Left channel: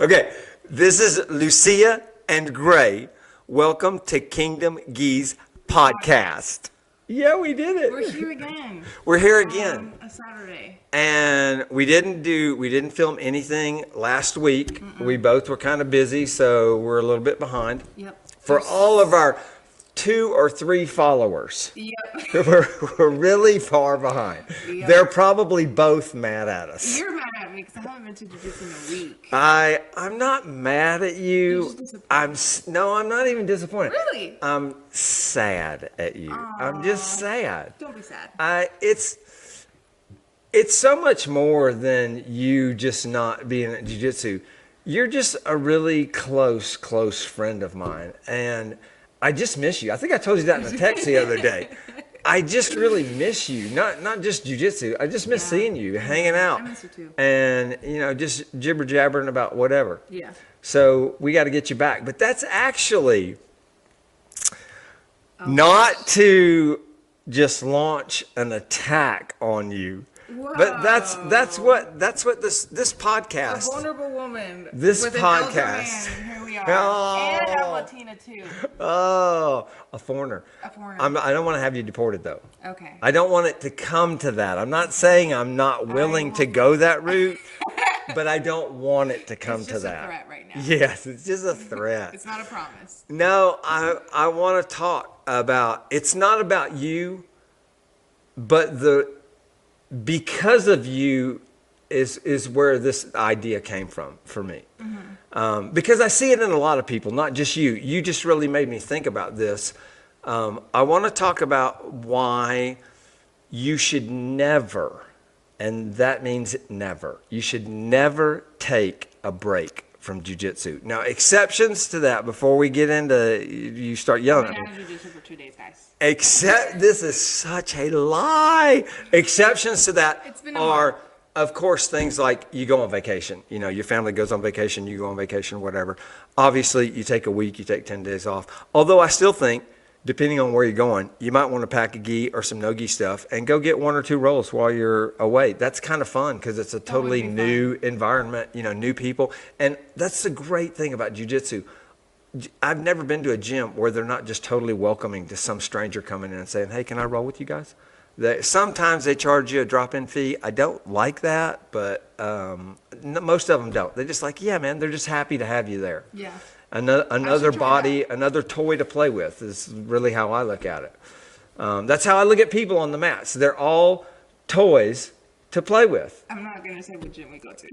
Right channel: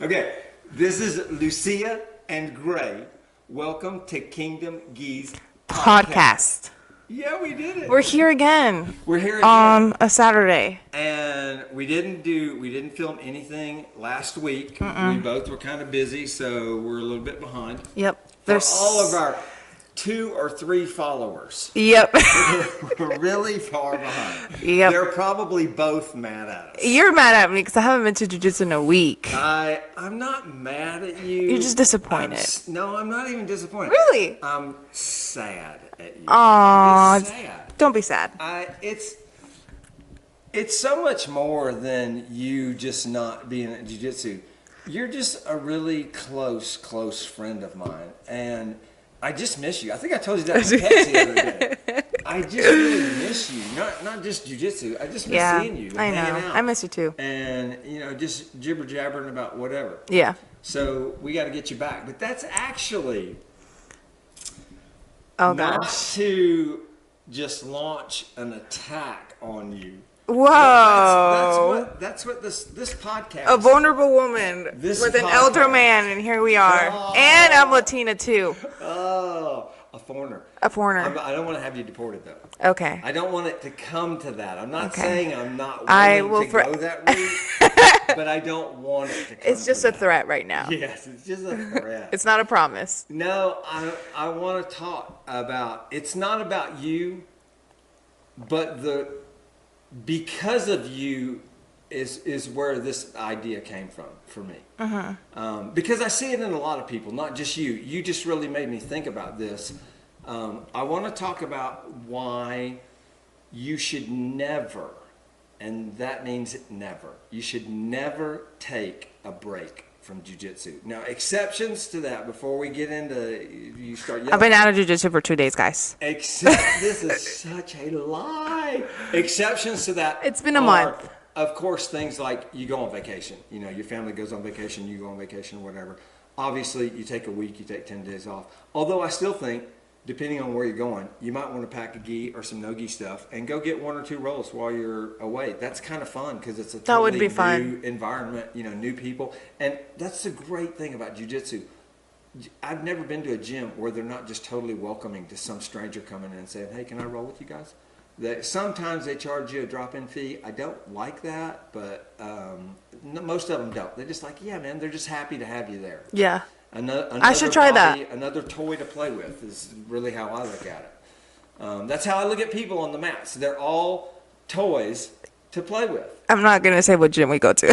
Okay, this is Lucia and Grey. Welcome to Kingdom Geese Podcast. Yeah, we did it. We're here again. We're here again. On a Saturday. And we didn't film anything last week. We both were kind of busy, so we're a little bit behind. Yep. For all of our 2 or 3 followers. Yep. We're really far behind. Yep. They're probably both mad at us. You're mad at me because I haven't been to Jiu-Jitsu in a week. I'm not mad at you. You're just disappointed. No, I'm not even disappointed. Really? I'm sad at you. Aww, I'm just sad. Don't be sad. It's so much more than you just not being at Jiu-Jitsu. You're just a really close friend of mine, and I just miss you. I think I told you that in a text the other day. I just really miss you. Not just jiu-jitsu. I just miss seeing you, hanging out. I miss you too. And, just jibber-jabbering about whatever. Yeah. So we got to get you back. But that's actually to just launch an attack on you. Whoa. That's what this podcast. A vulnerable woman with an elder man, and here we are. Oh. And I'm Latina too. Oh, a foreigner. A foreigner. I don't want to have you deported though. Okay. I don't want it to come to that. I'm not saying I'm not willing to go that route, but I don't want it to come to that. It's just a threat right now. Yes, it's just a threat. It's not a promise. No, I want to talk about, it's not about you, but because of you is where this idea came from for me. Because I see it in a lot of people, not just you. You just really made me think about this. I want to talk about why you should never, and that means never, you should never take a break from jiu-jitsu. Now, exceptions to that, before we get into, you start yelling. I've been out of jiu-jitsu for 2 days, guys. This is such a lie. Exceptions to that. It's been a month. Of course, things like you go on vacation. Your family goes on vacation, you go on vacation, whatever. Obviously, you take a week, you take 10 days off. Although I still think, depending on where you're going, you might want to pack a gi or some no-gi stuff and go get 1 or 2 rolls while you're away. That's kind of fun because it's a totally new environment, new people. And that's the great thing about jiu-jitsu. I've never been to a gym where they're not just totally welcoming to some stranger coming in and saying, hey, can I roll with you guys? Sometimes they charge you a drop-in fee. I don't like that, but most of them don't. They're just like, yeah, man, they're just happy to have you there. Yeah. Another body, another toy to play with is really how I look at it. That's how I look at people on the mats. They're all toys to play with. I'm not gonna say what gym we go to.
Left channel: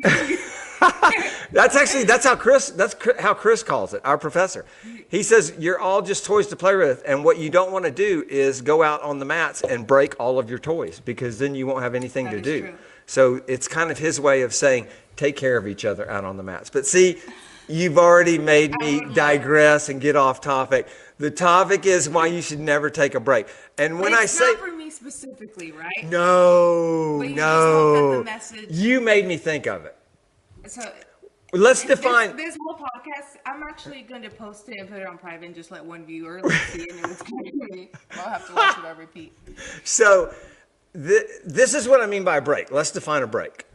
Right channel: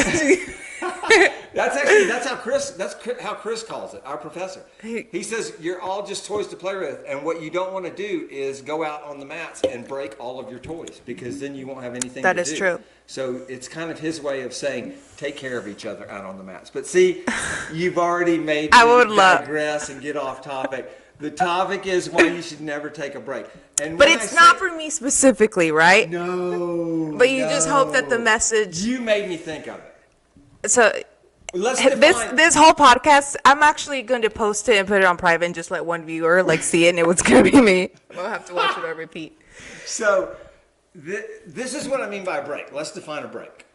That's how Chris calls it. Our professor. He says you're all just toys to play with, and what you don't want to do is go out on the mats and break all of your toys because then you won't have anything to do. That is true. So it's kind of his way of saying, take care of each other out on the mats. But see, you've already made me digress and get off topic. The topic is why you should never take a break. And but it's not for me specifically, right? No. But you just hope that the message... You made me think of it. So... Let's define... This whole podcast, I'm actually going to post it and put it on private and just let one viewer see it, and it was going to be me. We'll have to watch it on repeat. So... This is what I mean by a break. Let's define a break.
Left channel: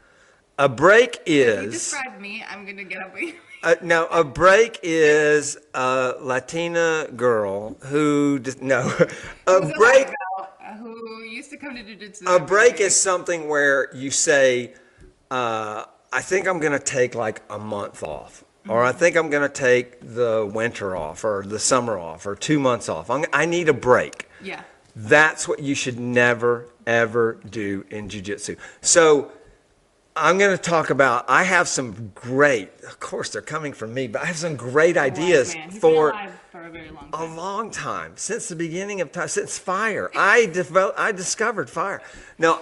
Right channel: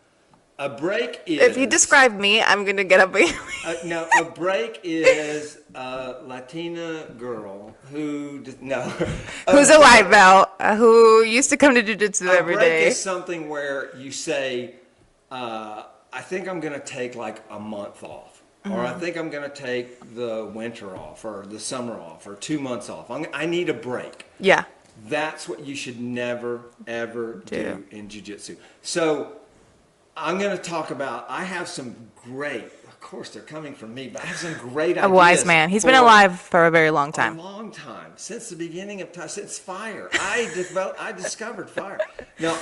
A break is... If you describe me, I'm going to get up. No, a break is a Latina girl who... Who's a white belt, who used to come to jiu-jitsu every day. A break is something where you say, I think I'm going to take like a month off. Or I think I'm going to take the winter off or the summer off or 2 months off. I need a break. Yeah. That's what you should never, ever do in jiu-jitsu. So I'm going to talk about, I have some great, of course they're coming from me, but I have some great ideas. A wise man. He's been alive for a very long time. A long time. Since the beginning of time, since fire. I discovered fire. Now,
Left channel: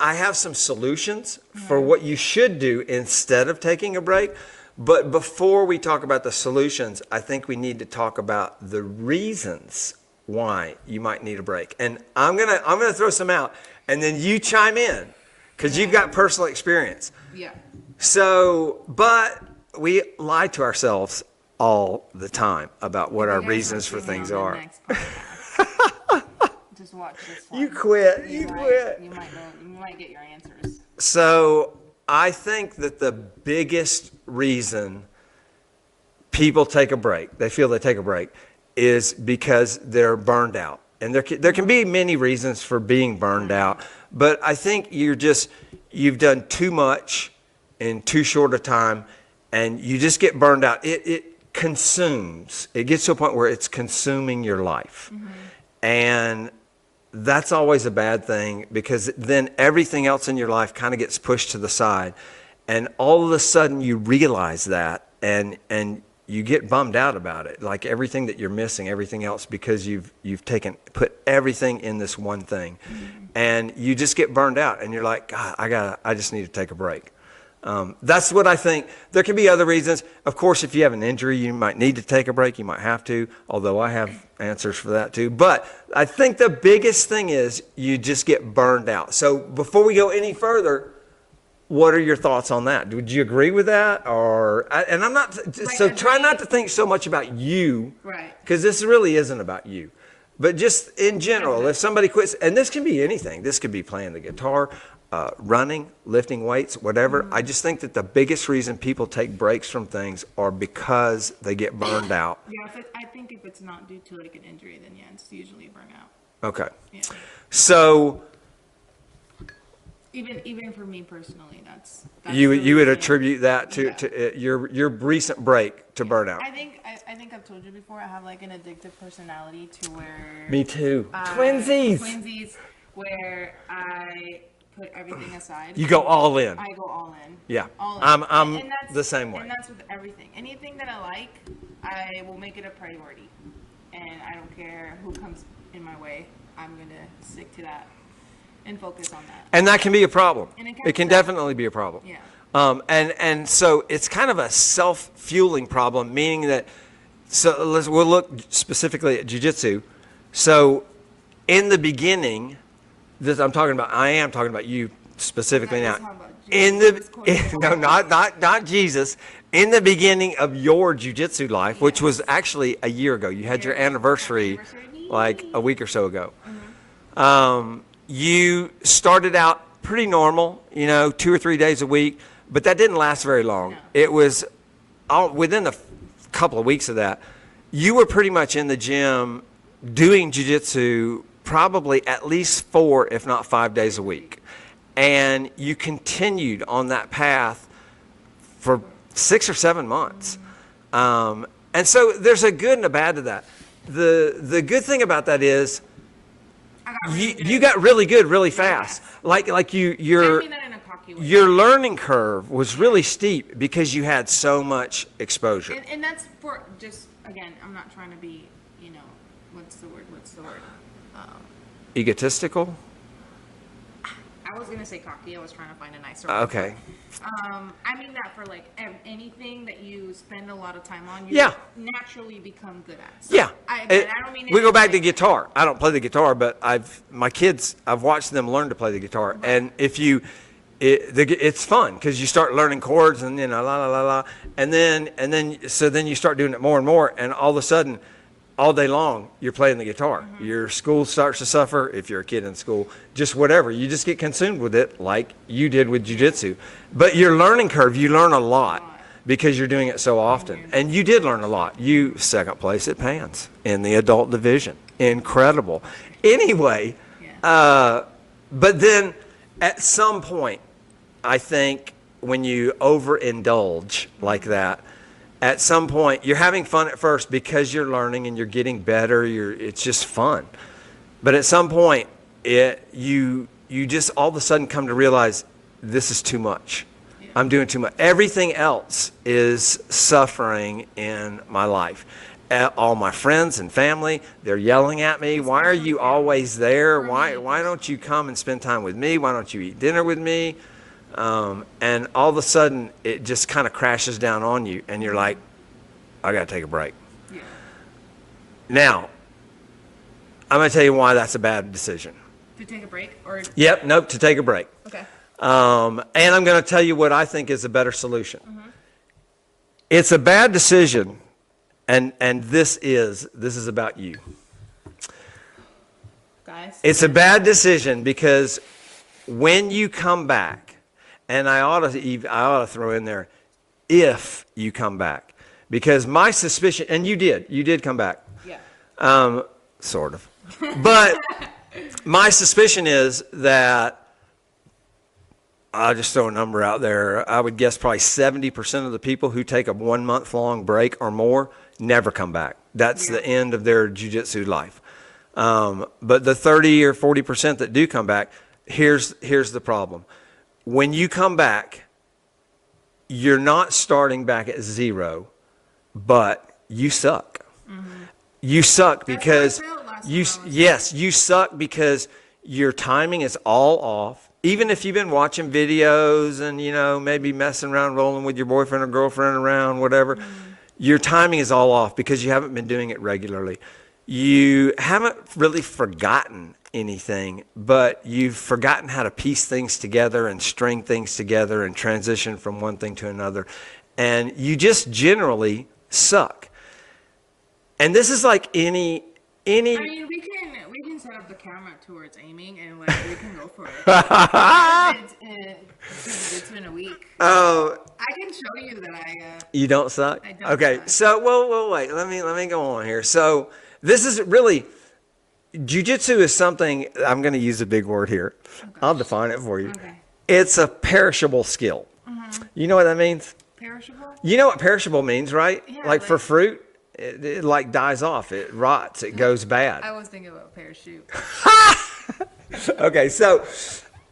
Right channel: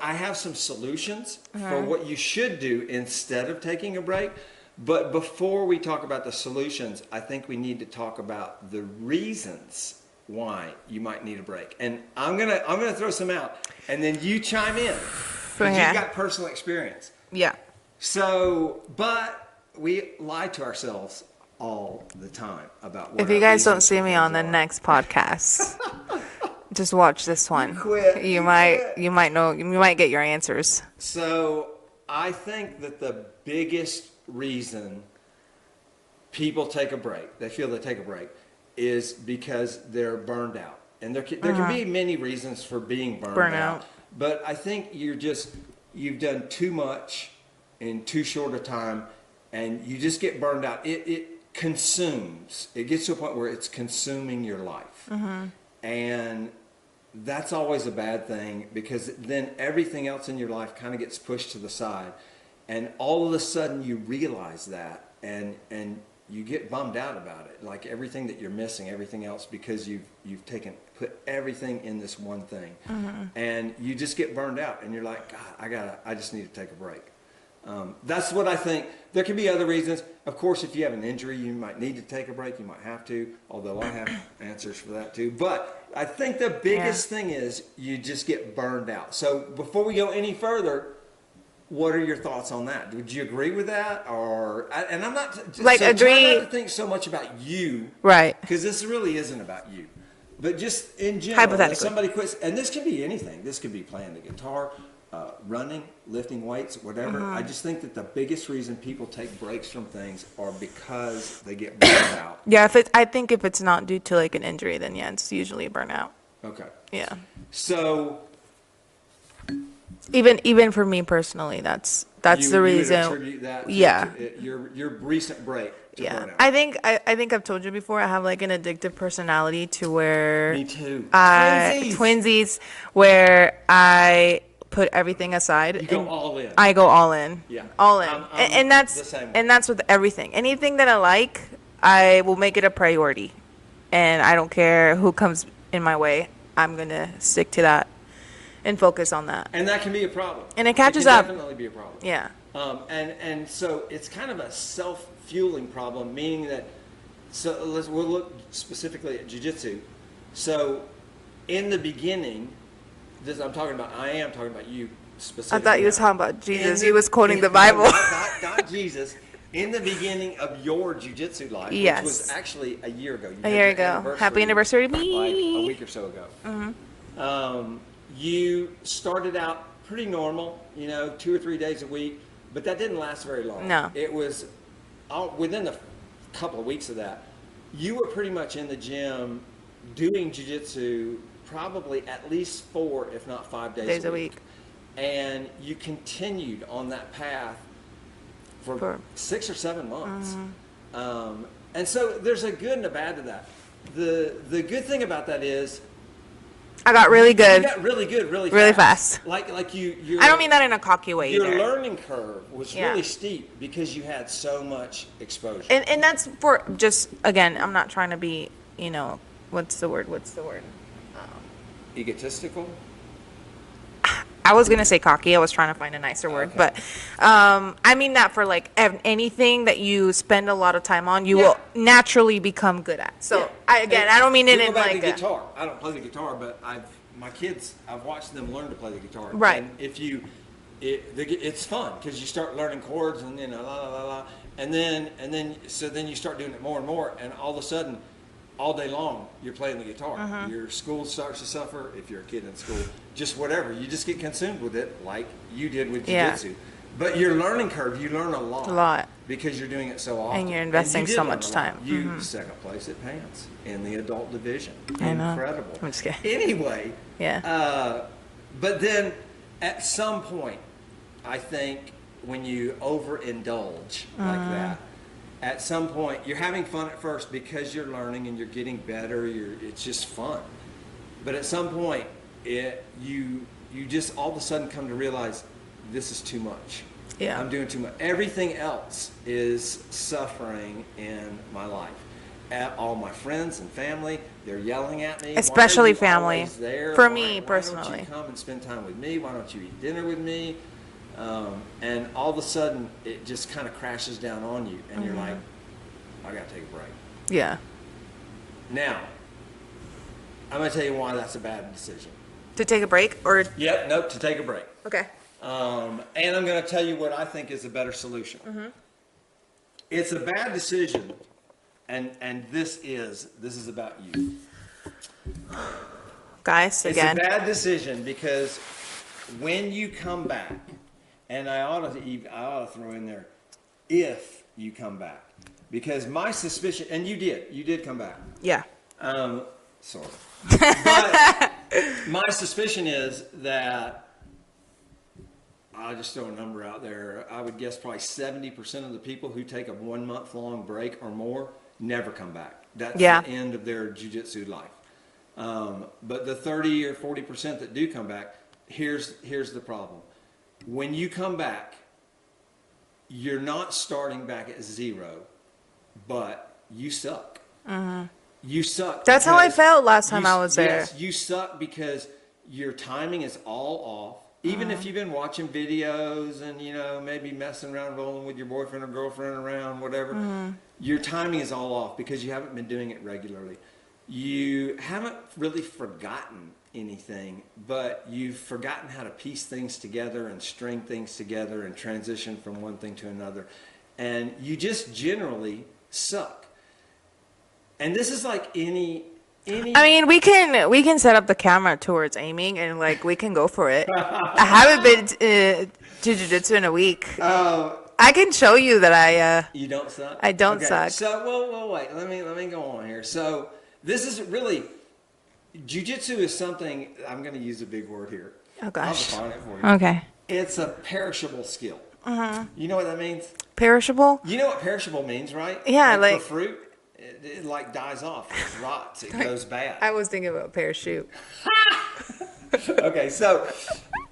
I have some solutions for what you should do instead of taking a break. But before we talk about the solutions, I think we need to talk about the reasons why you might need a break. And I'm gonna throw some out, and then you chime in because you've got personal experience. Yeah. So, but we lie to ourselves all the time about what our reasons for things are. If you guys don't see me on the next podcast, just watch this one. You quit. You might get your answers. So I think that the biggest reason people take a break, they feel they take a break, is because they're burned out. And there can be many reasons for being burned out. But I think you've done too much in too short a time, and you just get burned out. It consumes. It gets to a point where it's consuming your life. And that's always a bad thing, because then everything else in your life kind of gets pushed to the side. And all of a sudden you realize that, and you get bummed out about it, like everything that you're missing, everything else, because you've put everything in this one thing. And you just get burned out, and you're like, God, I just need to take a break. That's what I think. There can be other reasons. Of course, if you have an injury, you might need to take a break. You might have to, although I have answers for that too. But I think the biggest thing is you just get burned out. So before we go any further, what are your thoughts on that? Would you agree with that? And I'm not, try not to think so much about you. Right. Because this really isn't about you. But just in general, if somebody quits, and this can be anything. This could be playing the guitar, running, lifting weights, whatever. I just think that the biggest reason people take breaks from things are because they get burned out. Yeah, I think if it's not due to like an injury, then yeah, it's usually a burnout. Okay. Yeah. So even for me personally, that's the reason. You would attribute that to your recent break to burnout. I think I've told you before, I have like an addictive personality to where Me too. Twinsies, where I put everything aside. You go all in. I go all in. Yeah. All in. I'm and that's the same way. And that's with everything. Anything that I like, I will make it a priority. And I don't care who comes in my way. I'm going to stick to that and focus on that. And that can be a problem. And it catches can up. Definitely be a problem. Yeah. And so it's kind of a self-fueling problem, meaning that, we'll look specifically at jiu-jitsu. So in the beginning, I am talking about you specifically. I thought you now. were talking about Jesus. He was quoting the Bible. Not Jesus. In the beginning of your jiu-jitsu life, which was actually a year ago. You had your anniversary. Happy anniversary to me. Like a week or so ago. You started out pretty normal, 2 or 3 days a week, but that didn't last very long. No. It was within a couple of weeks of that, you were pretty much in the gym doing jiu-jitsu probably at least 4, if not 5 days a week. And you continued on that path for 6 or 7 months. And so there's a good and a bad to that. The good thing about that is I got really good. You got really good really fast. Like you're I don't mean that in a cocky way. Your learning curve was really steep because you had so much exposure. And that's for just, again, I'm not trying to be, what's the word? Egotistical? I was going to say cocky. I was trying to find a nicer word. Okay. But I mean that for like anything that you spend a lot of time on, you will naturally become good at. So I don't mean it. We go back to guitar. I don't play the guitar, but I've watched them learn to play the guitar. Right. And it's fun because you start learning chords and la la la la, and then you start doing it more and more, and all of a sudden, all day long you're playing the guitar. Your school starts to suffer if you're a kid in school. Just whatever, you just get consumed with it like you did with jiu-jitsu. But your learning curve, you learn a lot because you're doing it so often. And you did learn a lot. You second place at Pans in the adult division. Incredible. I'm just kidding. Anyway, but then at some point, I think when you overindulge like that, at some point, you're having fun at first because you're learning and you're getting better. It's just fun. But at some point, you just all of a sudden come to realize this is too much. Yeah. I'm doing too much. Everything else is suffering in my life. All my friends and family, they're yelling at me. Especially why are you family. Always there? For why me, don't you personally. come and spend time with me? Why don't you eat dinner with me? And all of a sudden, it just kind of crashes down on you, and you're like, I got to take a break. Yeah. Now, I'm going to tell you why that's a bad decision. To take a break or? Yep, nope, to take a break. Okay. And I'm going to tell you what I think is a better solution. It's a bad decision, and this is about you. Guys, It's a bad decision because when you come back, and I ought to throw in there, if you come back, because my suspicion, and you did come back. Yeah. Sort of. But my suspicion is that, I'll just throw a number out there. I would guess probably 70% of the people who take a 1 month long break or more never come back. That's the end of their jiu-jitsu life. But the 30 or 40% that do come back, here's the problem. When you come back, you're not starting back at zero, but you suck. You suck That's because how I felt last time I was there. Yes, you suck because your timing is all off. Even if you've been watching videos and, maybe messing around, rolling with your boyfriend or girlfriend around, whatever, your timing is all off because you haven't been doing it regularly. You haven't really forgotten anything, but you've forgotten how to piece things together and string things together and transition from one thing to another. And you just generally suck. And this is like any. I mean, we can set up the camera towards aiming and we can go for it. I haven't been to jiu-jitsu in a week. Oh, I can show you that I. You don't suck? I don't okay, suck. So, well, wait. Let me go on here. So, this is really, jiu-jitsu is something, I'm going to use a big word here. Oh, gosh. I'll define it for you. Okay. It's a perishable skill. You know what that means? Perishable? You know what perishable means, right? Yeah. Like for fruit, it dies off. It rots. It goes bad. I was thinking about parachute. Okay, so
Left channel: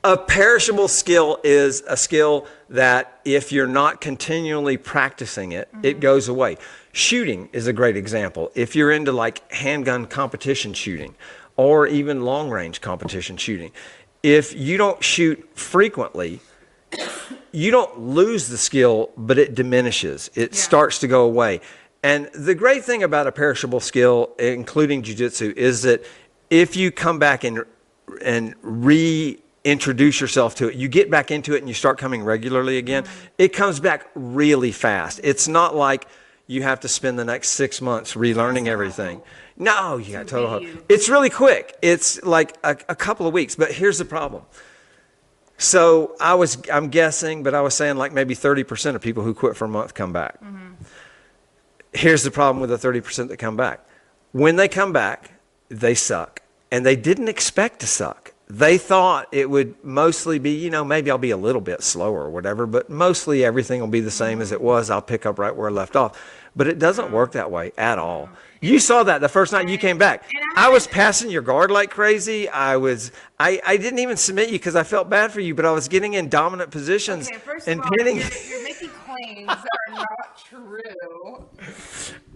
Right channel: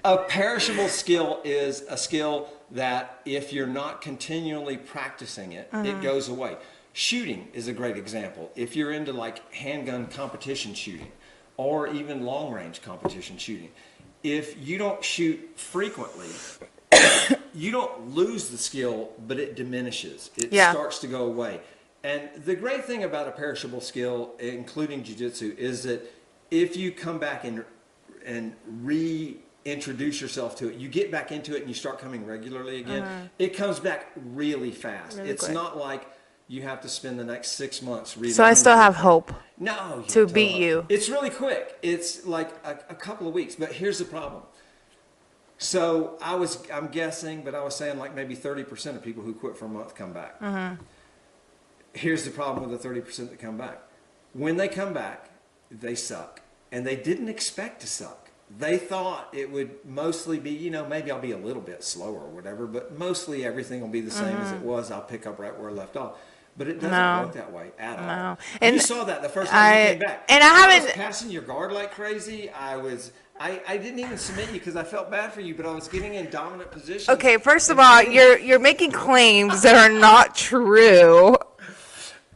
a perishable skill is a skill that if you're not continually practicing it, it goes away. Shooting is a great example. If you're into handgun competition shooting or even long range competition shooting, if you don't shoot frequently, you don't lose the skill, but it diminishes. It starts to go away. And the great thing about a perishable skill, including jiu-jitsu, is that if you come back and reintroduce yourself to it, you get back into it and you start coming regularly again, it comes back really fast. It's not like you have to spend the next 6 months relearning So I still have everything. hope. No, you to have total beat hope. you. It's really quick. It's like a couple of weeks. But here's the problem. So I'm guessing, but I was saying maybe 30% of people who quit for a month come back. Here's the problem with the 30% that come back. When they come back, they suck. And they didn't expect to suck. They thought it would mostly be, maybe I'll be a little bit slower or whatever, but mostly everything will be the same as it was. I'll pick up right where I left off. But it doesn't work that way at all. And you saw that the first time you came back. And I was passing your guard like crazy. I didn't even submit you because I felt bad for you, but I was getting in dominant positions. Okay, first of all, you're making claims that are not true.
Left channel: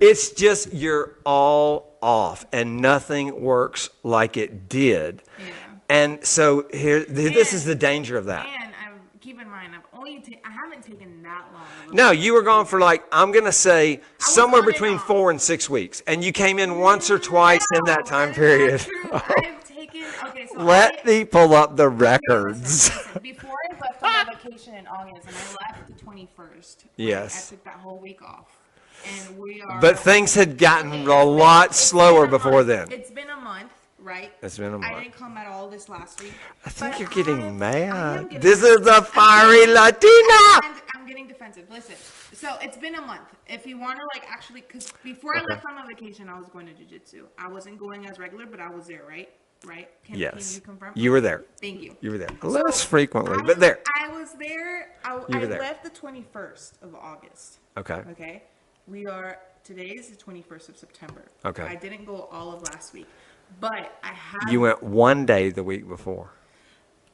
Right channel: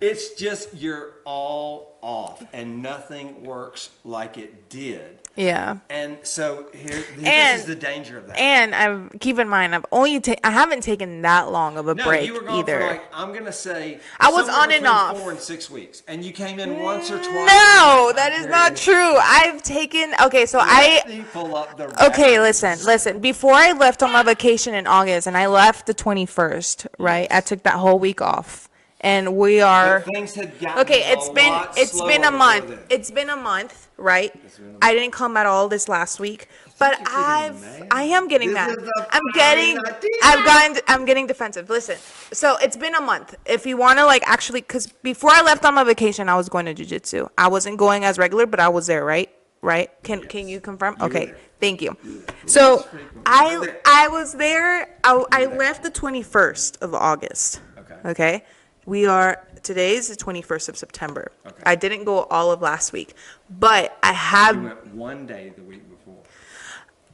It's just you're all off and nothing works like it did. Yeah. And so this is the danger of that. And keep in mind, I haven't taken that long of a break. No, you were gone either. for I'm going to say somewhere between 4 and 6 weeks. And you came in once or twice in that time period. No, that is not true. I've taken, so Let me pull up the records. Okay, listen. Before I left on my vacation in August, and I left the 21st, right? Yes. I took that whole week off. And we are. But things had gotten a lot slower before then. It's been a month, right? It's been a month. I didn't come at all this last week. I think you're getting mad. I am getting this mad. This is the fiery Latina. I'm getting defensive. Listen, so it's been a month. If you want to actually, because before I left on my vacation, I was going to jiu-jitsu. I wasn't going as regular, but I was there, right? Right? Can you confirm? You were there. Thank you. You were there. So less frequently, but there. I was there. I there. left the 21st of August. Okay. Okay. Today's the 21st of September. Okay. I didn't go all of last week, but I had. You went one day the week before.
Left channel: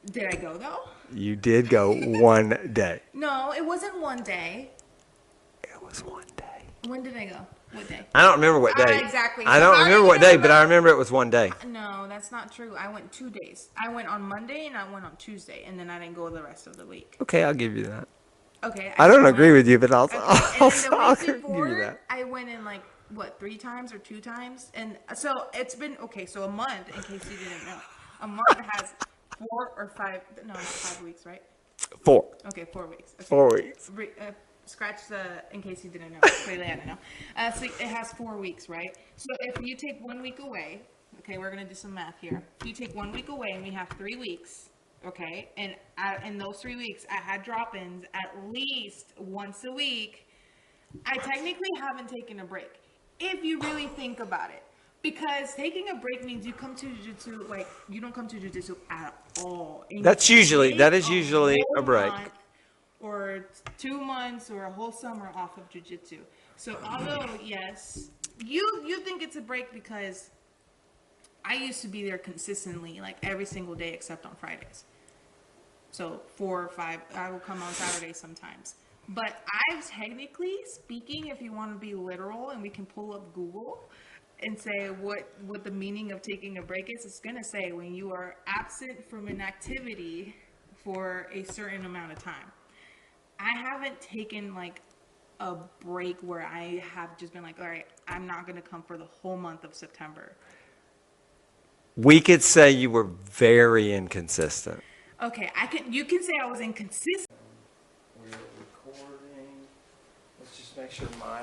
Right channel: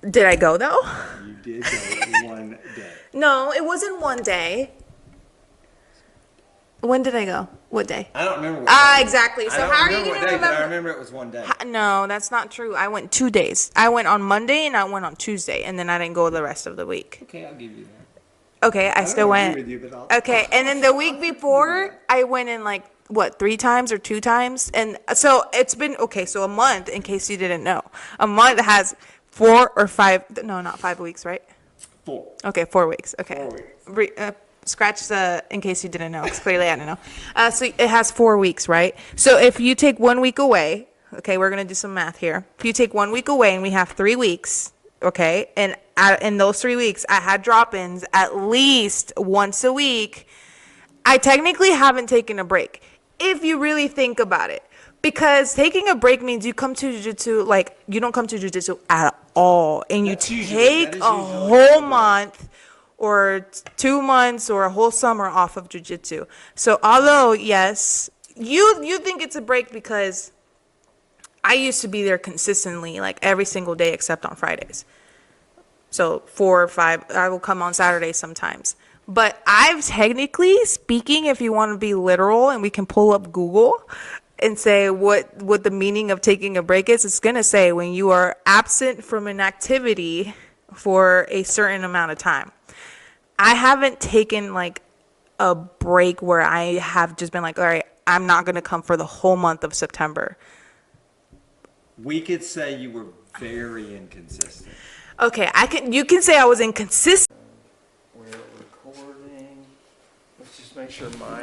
Did I go though? You did go one day. No, it wasn't one day. It was one day. When did I go? What day? I don't remember what day. Exactly. I don't remember what day, but I remember it was one day. No, that's not true. I went 2 days. I went on Monday and I went on Tuesday, and then I didn't go the rest of the week. Okay, I'll give you that. Okay, I don't agree with you, but I'll. Okay, and then the I'll week before, I went in 3 times or 2 times, and so it's been so a month. In case you didn't know, a month has 4 or 5. No, not 5 weeks, right? 4. Okay, 4 weeks. Okay. 4 weeks. Scratch the in case you didn't know. Clearly, I don't know. So it has 4 weeks, right? So if you take 1 week away, okay, we're gonna do some math here. If you take 1 week away, and we have 3 weeks. Okay, and in those 3 weeks, I had drop-ins at least once a week, I technically haven't taken a break, if you really think about it. Because taking a break means you come to jiu-jitsu, like, you don't come to jiu-jitsu at all. And That is you usually take a whole break. month or 2 months or a whole summer off of jiu-jitsu. So although, yes, you think it's a break because I used to be there consistently, like every single day except on Fridays. So 4 or 5, I will come on Saturdays sometimes. But I've technically speaking, if you want to be literal, and we can pull up Google and say what the meaning of taking a break is, it's going to say when you are absent from an activity for a certain amount of time. I haven't taken like a break where I have just been like, all right, I'm not going to come for the whole month of September. We could say you were very inconsistent. Okay, you can say I was inconsistent. We're recording. Let's just make sure my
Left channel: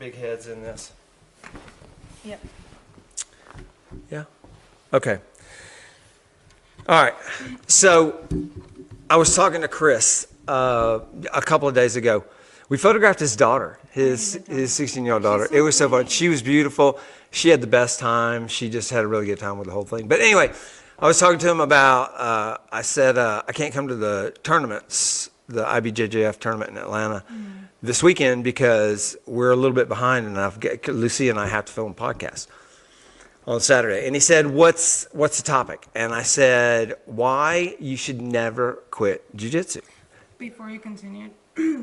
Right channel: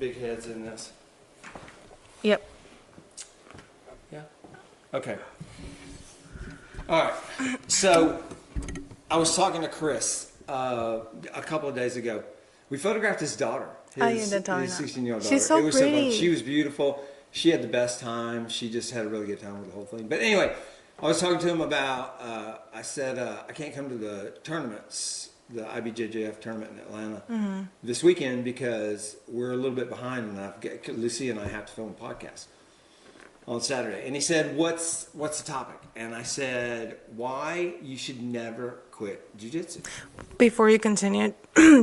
big head's in this. Yep. Yeah. Okay. All right. So I was talking to Chris a couple of days ago. We photographed his daughter, his 16-year-old daughter. She's so It was so fun. pretty. She was beautiful. She had the best time. She just had a really good time with the whole thing. But anyway, I was talking to him about, I said, I can't come to the tournaments, the IBJJF tournament in Atlanta this weekend because we're a little bit behind and Lucia and I have to film a podcast on Saturday. And he said, what's the topic? And I said, why you should never quit jiu-jitsu. Before you continue,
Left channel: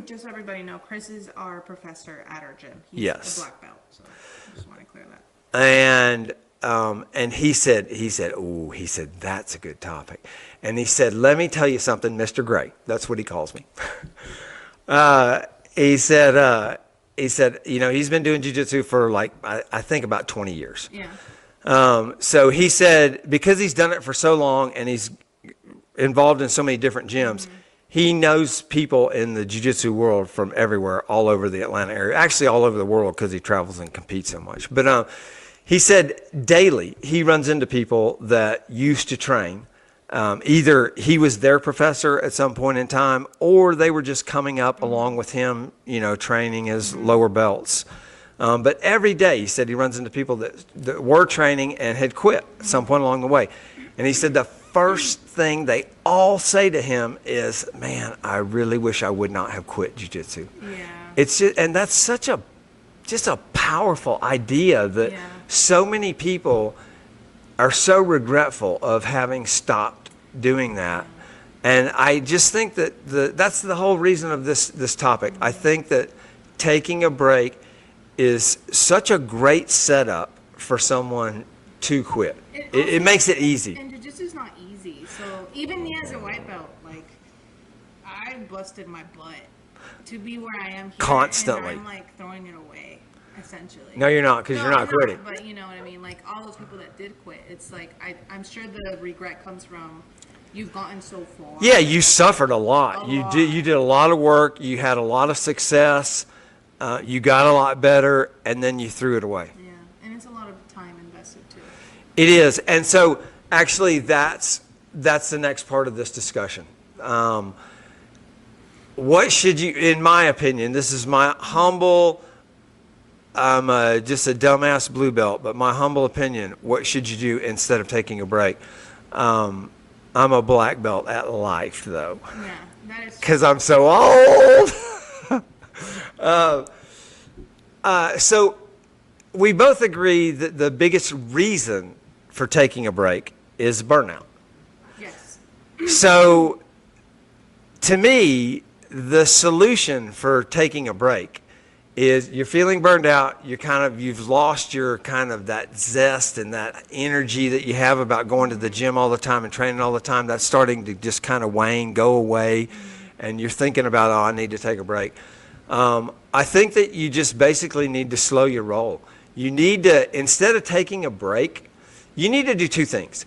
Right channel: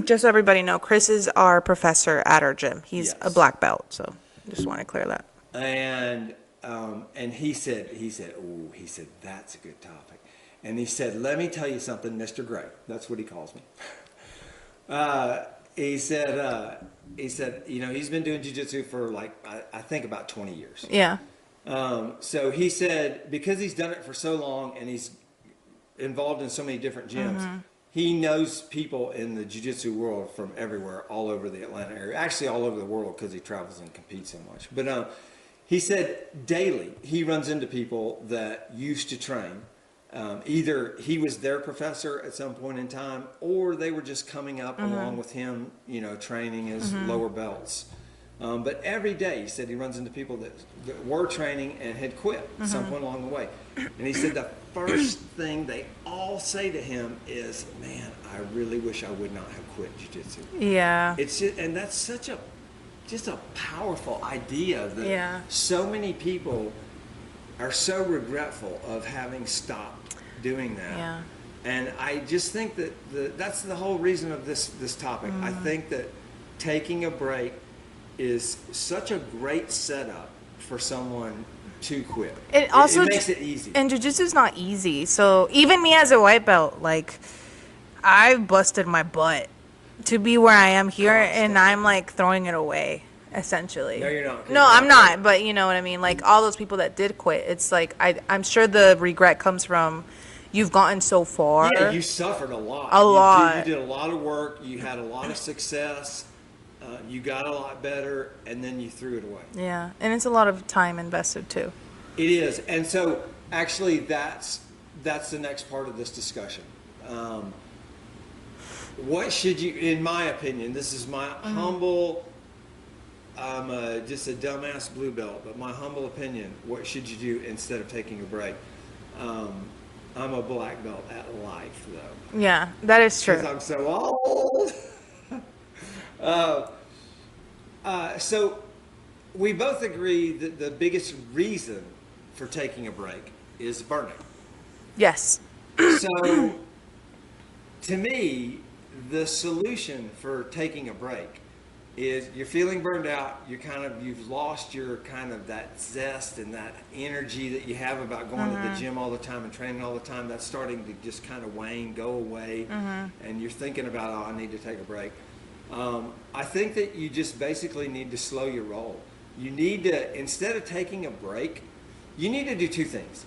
just so everybody know, Chris is our professor at our gym. He's Yes. a black belt, so just want to clear that. And he said, that's a good topic. And he said, let me tell you something, Mr. Grey. That's what he calls me. He said, he's been doing jiu-jitsu for like, I think about 20 years. Yeah. So he said, because he's done it for so long and he's involved in so many different gyms, he knows people in the jiu-jitsu world from everywhere, all over the Atlanta area, actually all over the world because he travels and competes so much. But he said daily he runs into people that used to train. Either he was their professor at some point in time or they were just coming up along with him, training as lower belts. But every day, he said he runs into people that were training and had quit at some point along the way. And he said the first thing they all say to him is, man, I really wish I would not have quit jiu-jitsu. Yeah. It's just, and that's such a powerful idea that so many people are so regretful of having stopped doing that. Yeah. And I just think that that's the whole reason of this topic. I think that taking a break is such a great setup for someone to quit. It makes it easy. And jiu-jitsu is not easy. So even me as a white belt, like, I've busted my butt to be where I am here, Constantly. and I'm like throwing it away, essentially. No, you're not. 'Cause No, you're I'm not not. quitting. But you know what I mean. Like all those people that did quit, it's like I'm sure the regret comes from you've gotten so far. Yeah, you suffered a lot. A lot. You did a lot of work. You had a lot of success. You got a lot better, and then you threw it away. Yeah, and it's a lot of time invested too. It is, and so actually, that's the next part of this discussion. What should you, in my opinion, this is my humble. I'm just a dumbass blue belt, but my humble opinion, what should you do instead of taking a break? I'm a black belt at life, though. Yeah, that is true. Because I'm so old. So we both agree that the biggest reason for taking a break is burnout. Yes. So to me, the solution for taking a break is you're feeling burned out. You've lost your kind of that zest and that energy that you have about going to the gym all the time and training all the time. That's starting to just kind of wane, go away. And you're thinking about, I need to take a break. I think that you just basically need to slow your roll. You need to, instead of taking a break, you need to do two things.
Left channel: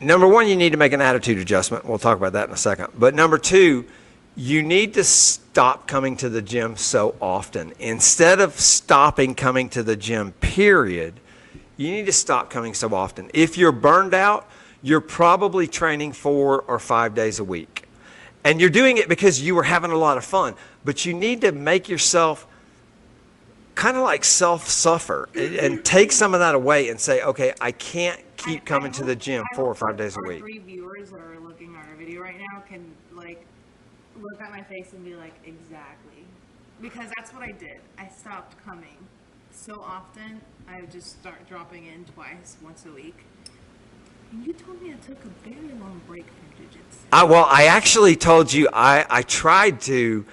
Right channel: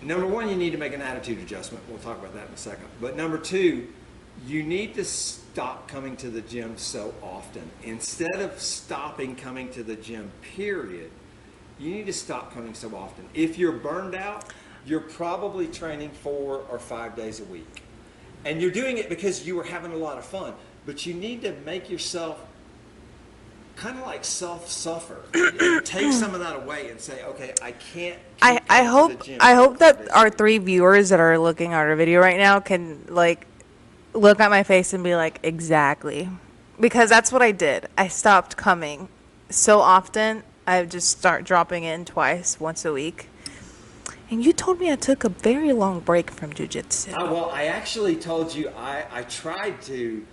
Number one, you need to make an attitude adjustment. We'll talk about that in a second. But number two, you need to stop coming to the gym so often. Instead of stopping coming to the gym, period, you need to stop coming so often. If you're burned out, you're probably training 4 or 5 days a week. And you're doing it because you were having a lot of fun. but you need to make yourself kind of like self-suffer and take some of that away and say, okay, I can't keep coming to the gym 4 or 5 that days a our week. 3 viewers that are looking at our video right now can like look at my face and be like, exactly, because that's what I did. I stopped coming so often. I just start dropping in once a week. And you told me I took a very long break from jiu-jitsu. Well, I actually told you I tried to.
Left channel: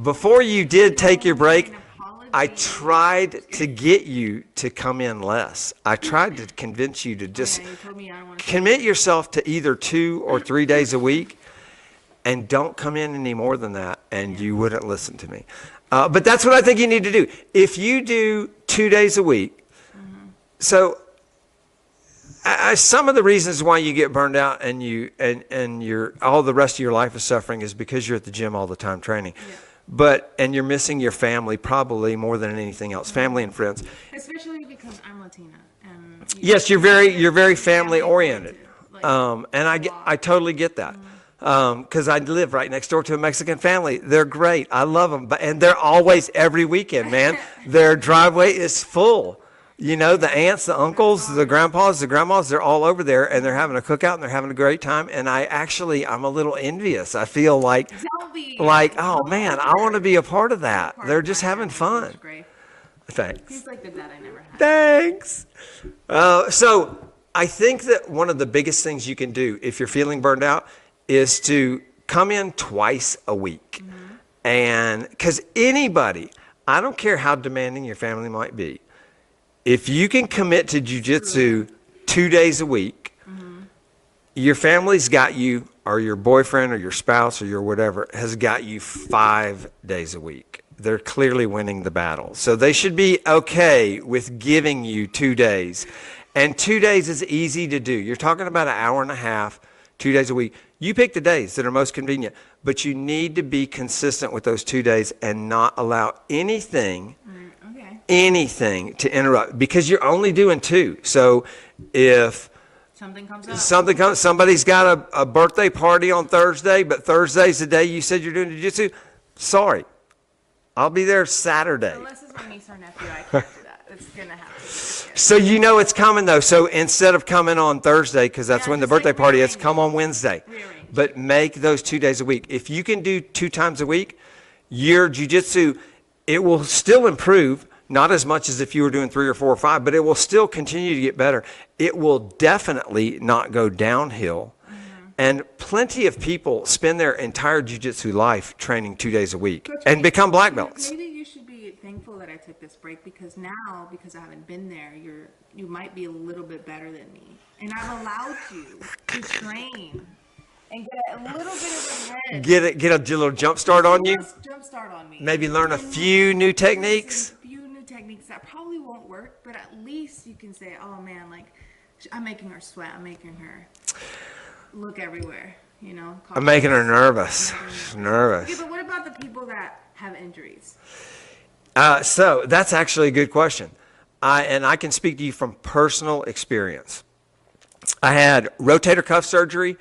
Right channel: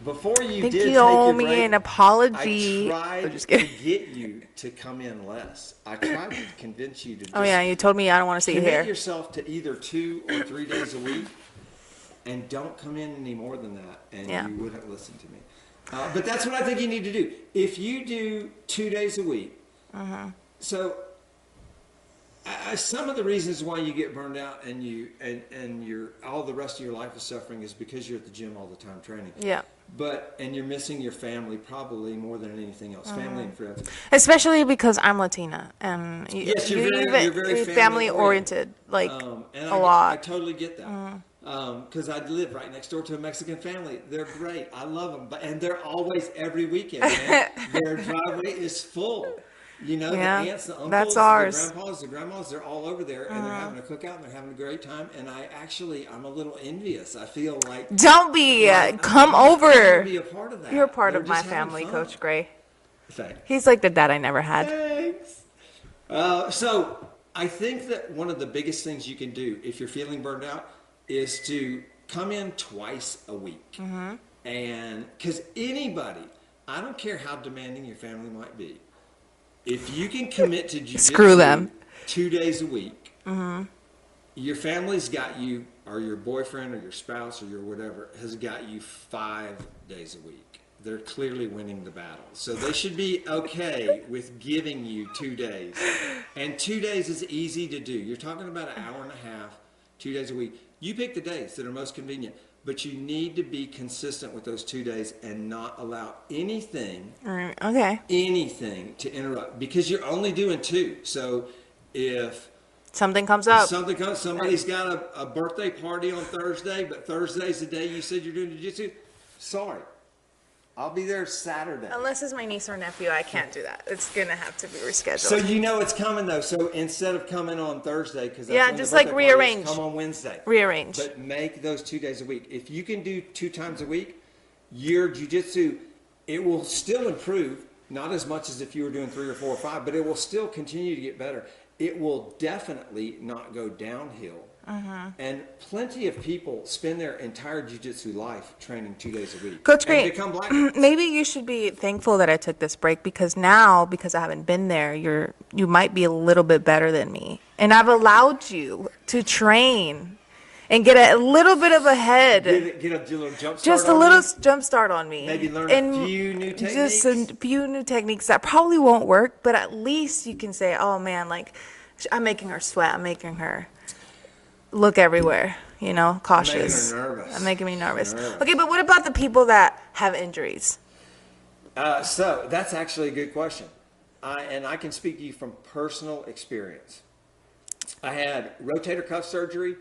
Before you think did you take owe your me break, an apology. I tried to get you to come in less. I tried to convince you to just Oh yeah, you told me I don't want to see commit you here. yourself to either 2 or 3 days a week, and don't come in any more than that, and Yeah. you wouldn't listen to me. But that's what I think you need to do. If you do 2 days a week, so some of the reasons why you get burned out and you're all the rest of your life is suffering is because you're at the gym all the time training. Yeah. And you're missing your family probably more than anything else, family and friends. Especially because I'm Latina, and Yes, you're very family oriented. Like, and I I totally get that. Because I live right next door to a Mexican family. They're great. I love them. And they're always every weekend, man. Their driveway is full. You know, the Yeah, aunts, the uncles, that's the ours. grandpas, the grandmas, they're all over there, and they're having a cookout, and they're having a great time. And I'm a little envious. I feel like, Don't be. like, Come oh, man, over. I want to be a part of You're a that. part They're of just my having family, fun. Coach Gray. Thanks. He's like the dad I never had. Thanks. So I think that one of the biggest things you can do if you're feeling burned out is to come in twice a week. And because anybody, I don't care how demanding your family might be, if you can commit to Screw jujitsu them. 2 days a week, your family's got you, or your boyfriend or your spouse or your whatever has got you 5 days a week. They're clearly winning the battle. So they should be okay with giving you 2 days. And 2 days is easy to do. You're talking about an hour and a half, 2 days a week. You pick the days that are most convenient, but you need to be consistent with those 2 days and not allow anything Okay. to interrupt, because you're only doing 2. So if Something comes up. somebody's got a birthday party on Thursday, but Thursday's the day you said you're doing jiu-jitsu, sorry, I'll be there Saturday. Unless it's my niece or nephew, I can't do that. It's gonna have to be rescheduled. So you know it's coming though. So instead of coming on Thursday, because that's Yeah, when the just, like, birthday party is, rearrange. come on Wednesday. Rearrange. But make those 2 days a week. If you can do 2 times a week, your jiu-jitsu, it will still improve. Not as much as if you were doing 3 or 4 or 5, but it will still continue to get better. It will definitely not go downhill. And plenty of people spend their entire jiu-jitsu life training 2 days a week Coach and Gray, become black belts. Maybe you should be thankful that I took this break, because now, because I haven't been there, you might be a little bit better than me, and I've allowed you to train and get a little bit of a head. Get a little jump start Just a on little you. jump start on me. Maybe learn And a few new techniques. Just a few new techniques that probably won't work, but at least you can say, oh man, like, I'm making her sweat. I'm making her look everywhere, cautious. I'm making her nervous. I'm making me nervous. Nervous. Okay, but what about the people that have injuries? So that's actually a good question. I can speak to you from personal experience. I had rotator cuff surgery,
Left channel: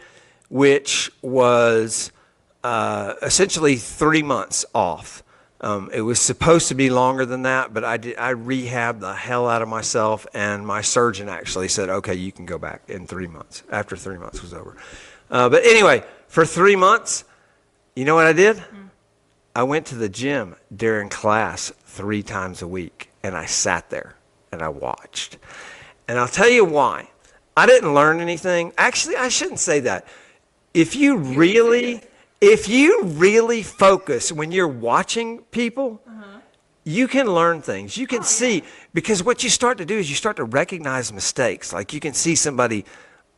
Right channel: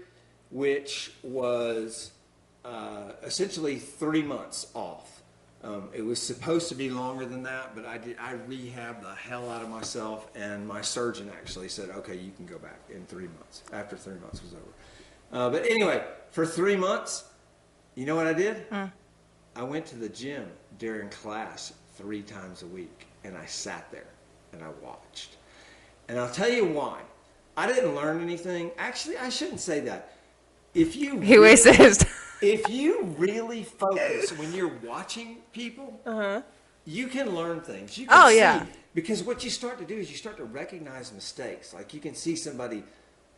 which was essentially 3 months off. It was supposed to be longer than that, but I rehabbed the hell out of myself, and my surgeon actually said, okay, you can go back in 3 months, after 3 months was over. But anyway, for 3 months, you know what I did? I went to the gym during class 3 times a week, and I sat there and I watched. And I'll tell you why. I didn't learn anything. Actually, I shouldn't say that. If you really focus when you're watching people, you can learn things. You can see, because what you start to do is you start to recognize mistakes. Like you can see somebody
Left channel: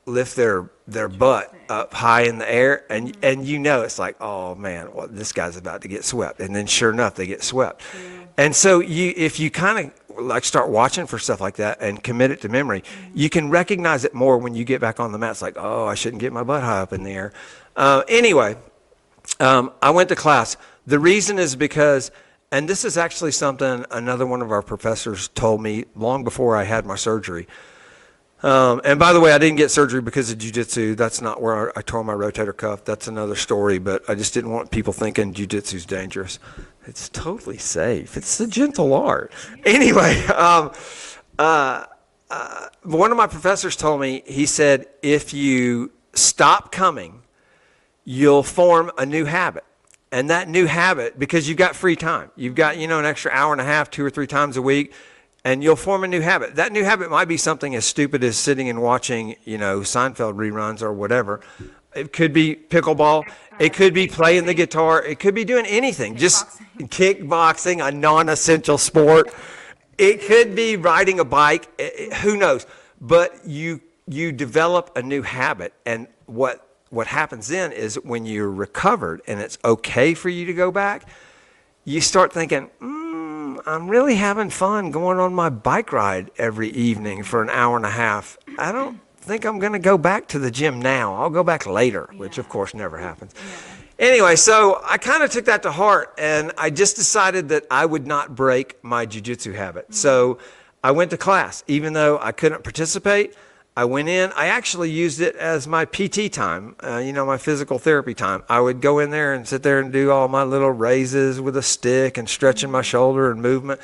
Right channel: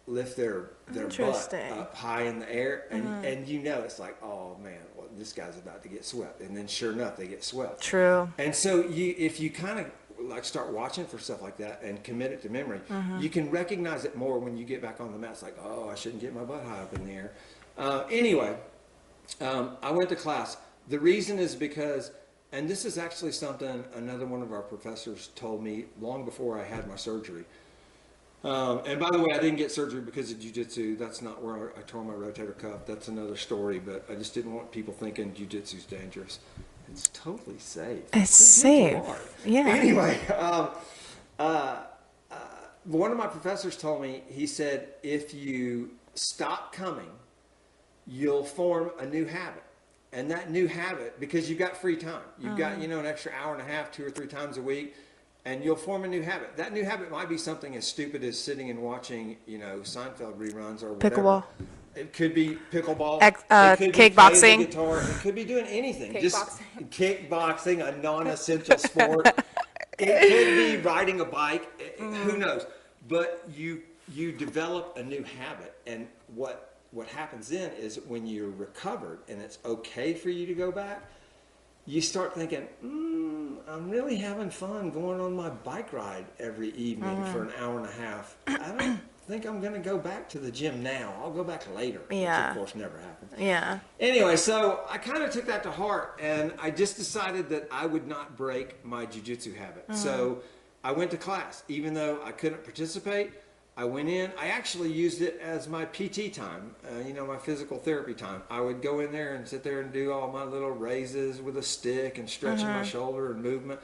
lift their butt up high in the air, and it's like, oh man, well, this guy's about to get swept. And then sure enough, they get swept. True. And so if you kind of like start watching for stuff like that and commit it to memory, you can recognize it more when you get back on the mat. It's like, oh, I shouldn't get my butt high up in the air. Anyway, I went to class. The reason is because, and this is actually something another one of our professors told me long before I had my surgery. And by the way, I didn't get surgery because of jiu-jitsu. That's not where I tore my rotator cuff. That's another story, but I just didn't want people thinking jiu-jitsu's dangerous. It's totally safe. It's It's a gentle safe. art. Yeah. Anyway, one of my professors told me, he said, if you stop coming, you'll form a new habit. And that new habit, because you've got free time, you've got, an extra hour and a half, 2 or 3 times a week, and you'll form a new habit. That new habit might be something as stupid as sitting and watching, Seinfeld reruns or whatever. Pickleball. It could be pickleball. It could be playing the kickboxing. guitar. It could be doing anything. Just kickboxing, a non-essential sport. It could be riding a bike. Who knows? But you develop a new habit, and what happens then is when you're recovered and it's okay for you to go back, you start thinking, I'm really having fun going on my bike ride every evening for an hour and a half. I don't think I'm going to go back to the gym now. I'll go back later, which of Yeah. course never happens. Yeah. Anyway, so I kind of took that to heart, and I just decided that I would not break my jiu-jitsu habit. So I went to class. Even though I couldn't participate, I went in. I actually used it as my PT time, my physical therapy time. I would go in there and sit there and do all my little raises with a stick and stretching my shoulder and movement.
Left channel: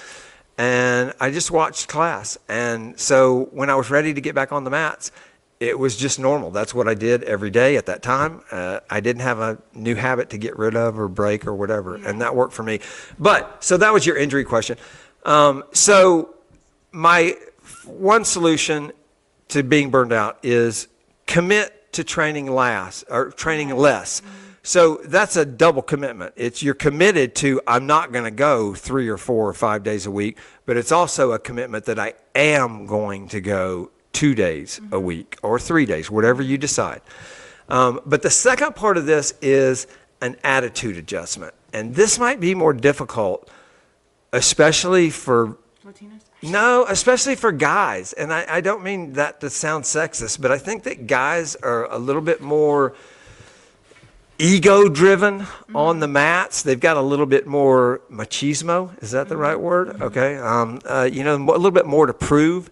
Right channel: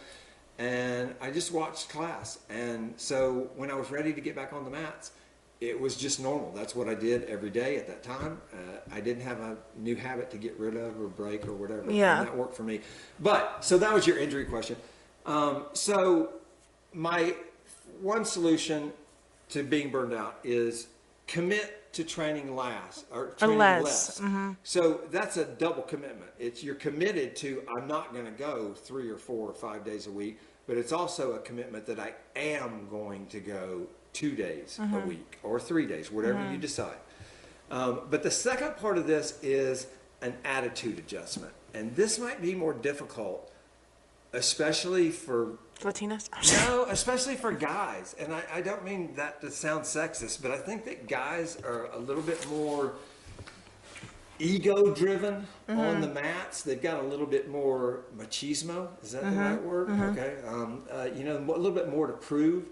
And I just watched class. And so when I was ready to get back on the mats, it was just normal. That's what I did every day at that time. I didn't have a new habit to get rid of or break or whatever. Yeah. And that worked for me. So that was your injury question. So my one solution to being burned out is commit to training less. So that's a double commitment. You're committed to, I'm not going to go 3 or 4 or 5 days a week, but it's also a commitment that I am going to go 2 days a week or 3 days, whatever you decide. But the second part of this is an attitude adjustment. And this might be more difficult, especially for Latinas? especially for guys. And I don't mean that to sound sexist, but I think that guys are a little bit more ego-driven on the mats. They've got a little bit more machismo. Is that the right word? Okay. A little bit more to prove.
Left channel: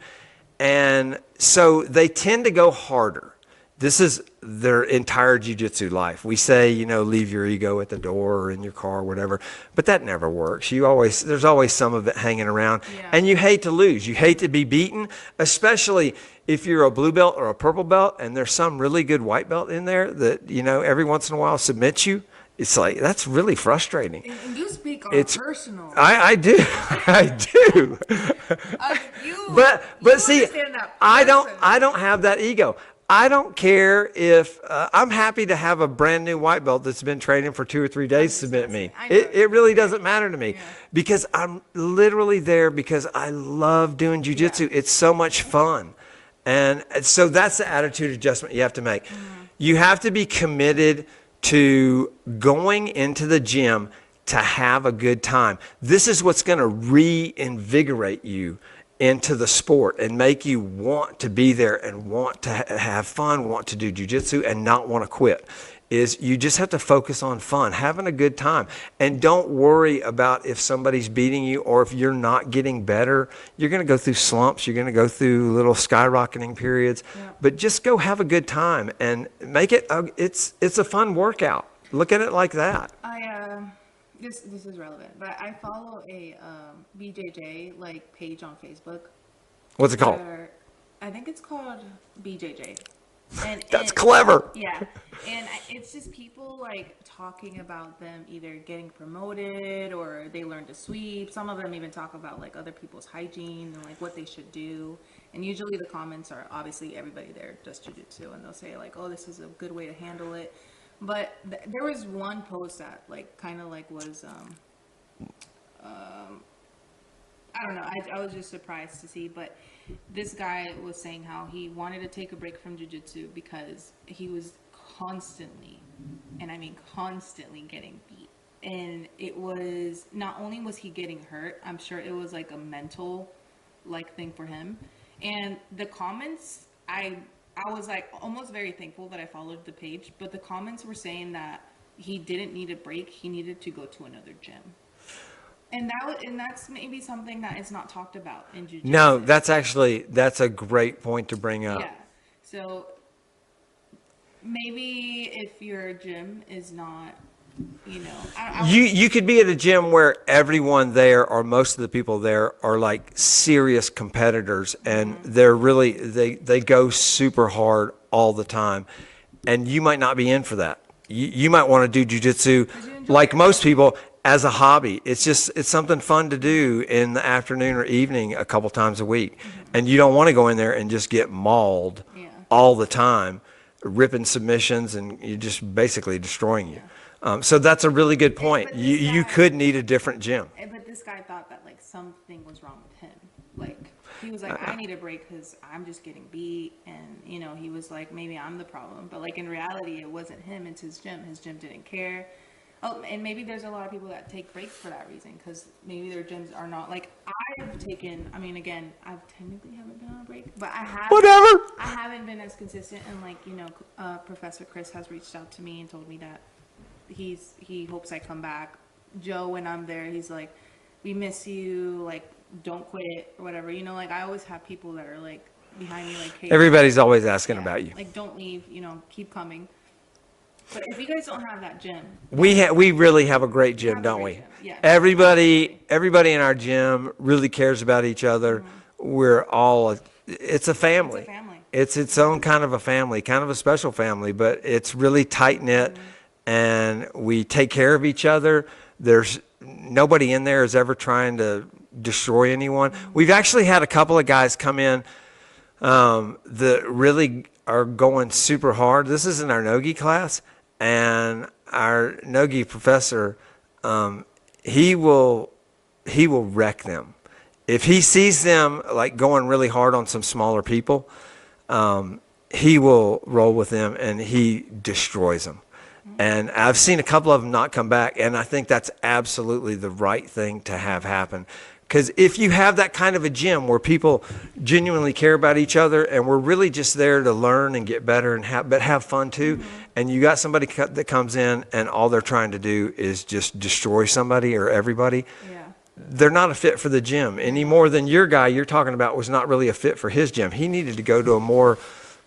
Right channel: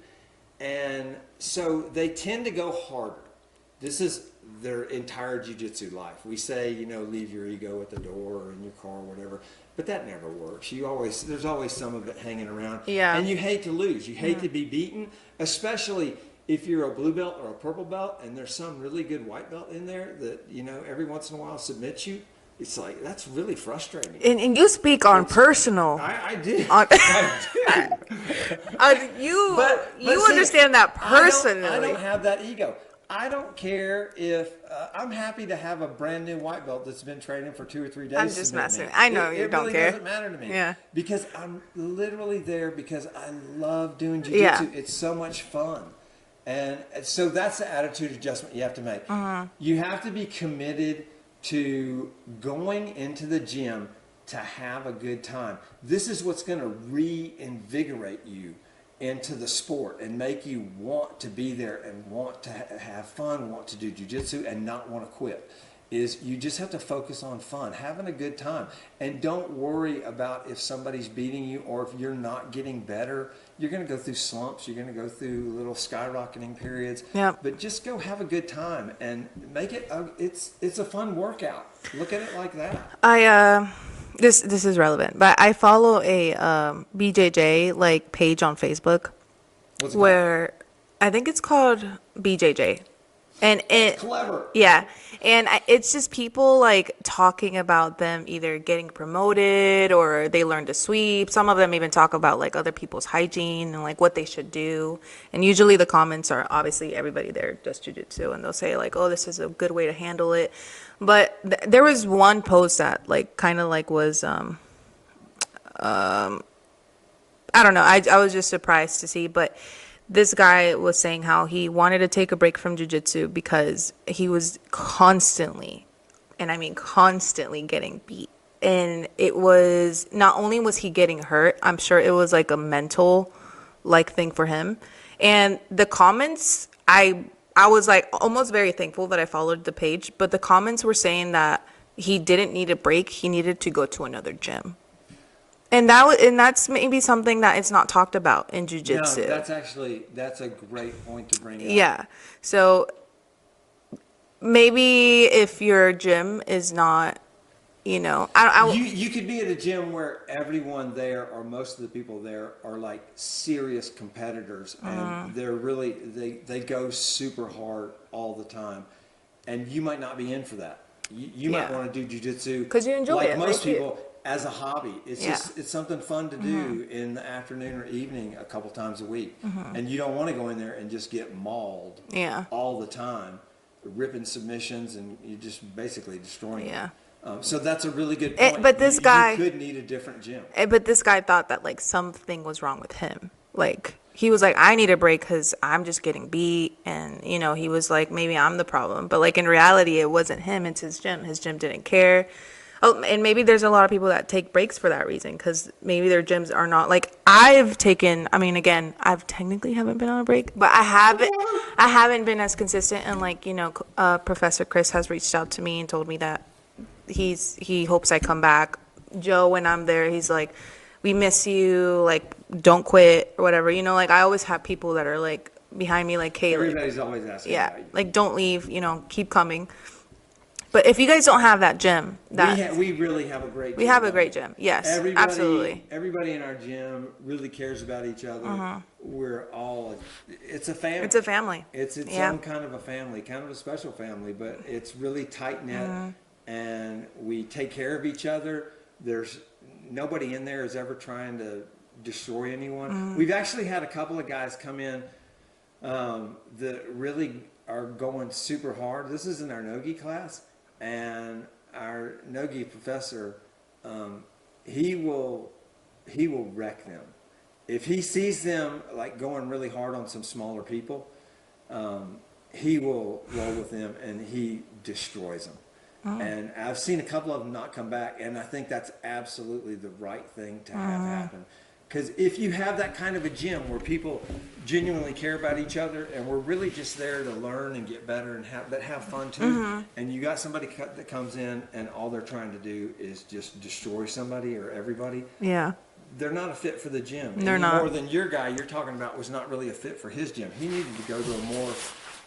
And so they tend to go harder. This is their entire jiu-jitsu life. We say, leave your ego at the door or in your car or whatever, but that never works. There's always some of it hanging around. Yeah. And you hate to lose. You hate to be beaten, especially if you're a blue belt or a purple belt and there's some really good white belt in there that, every once in a while submits you. It's like, that's really frustrating. And you speak on personal. I do. I do. You see, understand that personally. I don't have that ego. I don't care if I'm happy to have a brand new white belt that's been training for 2 or 3 days submit me. I know It really doesn't matter to me. Yeah. Because I'm literally there because I love doing jiu-jitsu. Yeah. It's so much fun. And so that's the attitude adjustment you have to make. You have to be committed to going into the gym to have a good time. This is what's going to reinvigorate you into the sport and make you want to be there and want to have fun, want to do jiu-jitsu and not want to quit. Is you just have to focus on fun, having a good time. And don't worry about if somebody's beating you or if you're not getting better. You're going to go through slumps. You're going to go through little skyrocketing periods. Yep. But just go have a good time and make it, it's a fun workout. Look at it like that. This is relevant, but I follow a BJJ page on Facebook. What's it called? Where I think it's called BJJ. And That's clever. Yeah. And it's just people talking about them either getting promoted or they learn to sweep. Some of them even talk about other people's hygiene and what they should do. And usually the comments are obviously everybody there does jiu-jitsu and they'll say oh, this is a good way to handle it. But there was one post that was I don't know. I was just surprised to see, but this guy was saying how he wanted to take a break from jiu-jitsu because he was constantly, and I mean constantly, getting beat. And it was, not only was he getting hurt, I'm sure it was a mental thing for him. And the comments, I was almost very thankful that I followed the page, but the comments were saying that he didn't need a break. He needed to go to another gym. And that's maybe something that is not talked about in jiu-jitsu. No, that's a great point to bring up. Yeah. So maybe if your gym is not You know, You could be at a gym where everyone there or most of the people there are like serious competitors and they're really they go super hard all the time, and you might not be in for that. You might want to do jujitsu 'Cause you enjoy like it, most right? people as a hobby. It's Yeah. just it's something fun to do in the afternoon or evening a couple times a week, and you don't want to go in there and just get mauled Yeah. all the time, ripping submissions, and you're just basically destroying Yeah. it. So that's a really good point. but this you guy- could need a different gym. But this guy thought that like something was wrong with him. Like he was like, I need a break because I'm just getting beat, and you know, he was like, maybe I'm the problem. But like in reality, it wasn't him. It's his gym. His gym didn't care. Oh, and maybe there's a lot of people that take breaks for that reason because maybe their gyms are not like I've taken. I mean, again, I've technically haven't been on a break, but I haven't. Whatever. I haven't been as consistent. And like you know, Professor Chris has reached out to me and told me that he hopes I come back. Joe, when I'm there, he's like, we miss you. Like, don't quit or whatever. You know, like I always have people that are like behind me, like, hey, Everybody's always asking yeah, about you. like don't leave. You know, keep coming. But if you guys don't have that gym, We really have a great gym. We have a don't great we? gym, yes, Everybody absolutely. in our gym really cares about each other. We're all it's a family. It's a family. It's its Yeah. own kind of a family, kind of a special family, but it's really tight knit, and we take care of each other. There's nobody in there is ever trying to destroy anyone. We've actually had a couple of guys come in that really are going super hard. This is in our Nogi class, and our Nogi professor, he will wreck them. If he sees them like going really hard on some smaller people, he will roll with them and he destroys them. And I've seen a couple of them not come back, and I think that's absolutely the right thing to have happen. Because if you have that kind of a gym where people genuinely care about each other and we're really just there to learn and get better and have fun too, and you got somebody that comes in and all they're trying to do is just destroy somebody or everybody, Yeah. they're not a fit for the gym They're any not. more than your guy you're talking about was not really a fit for his gym. He needed to go to a more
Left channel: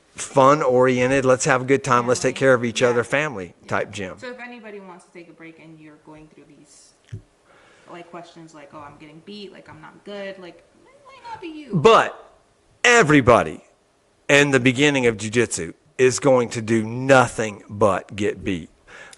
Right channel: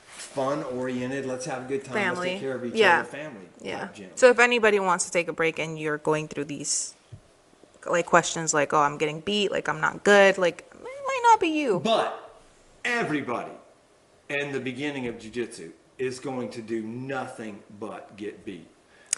fun-oriented, let's have a good time, let's take Family. care of each Yeah. other, family Yeah. type gym. So if anybody wants to take a break and you're going through these like questions like, oh, I'm getting beat, like I'm not good, like it might not be you. But everybody in the beginning of jiu-jitsu is going to do nothing but get beat.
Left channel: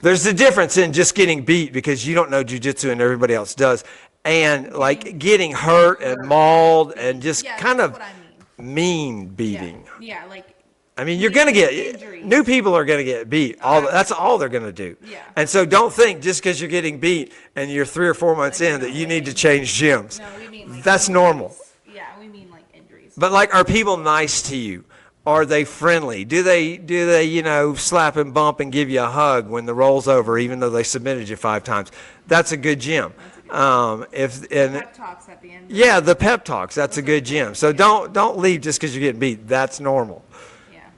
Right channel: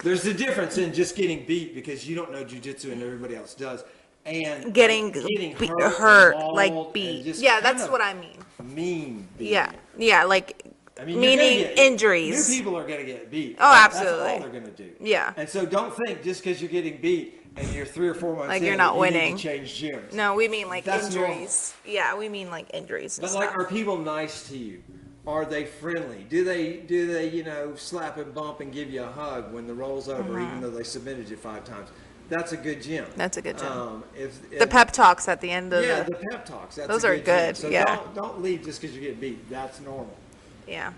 There's a difference in just getting beat because you don't know jiu-jitsu and everybody else does, and getting hurt and mauled, like and beat. just yeah, kind that's of what I mean. mean beating. Yeah, yeah, like I mean, you're going to meaning get injuries. New people are going to get beat. Oh, That's absolutely. all they're going to do. Yeah. And so don't think just because you're getting beat and you're 3 or 4 months Like you're in that not you need winning. to change gyms. No, we mean like That's injuries. normal. Yeah, we mean like injuries. But like, are people nice to you? Are they friendly? Do they slap and bump and give you a hug when the roll's over, even though they submitted you 5 times? That's a good gym. That's a good gym. If the pep talks at the end of yeah, the pep talks. That's Those a are good gym. good, So yeah. don't leave just because you're getting beat. That's normal. Yeah.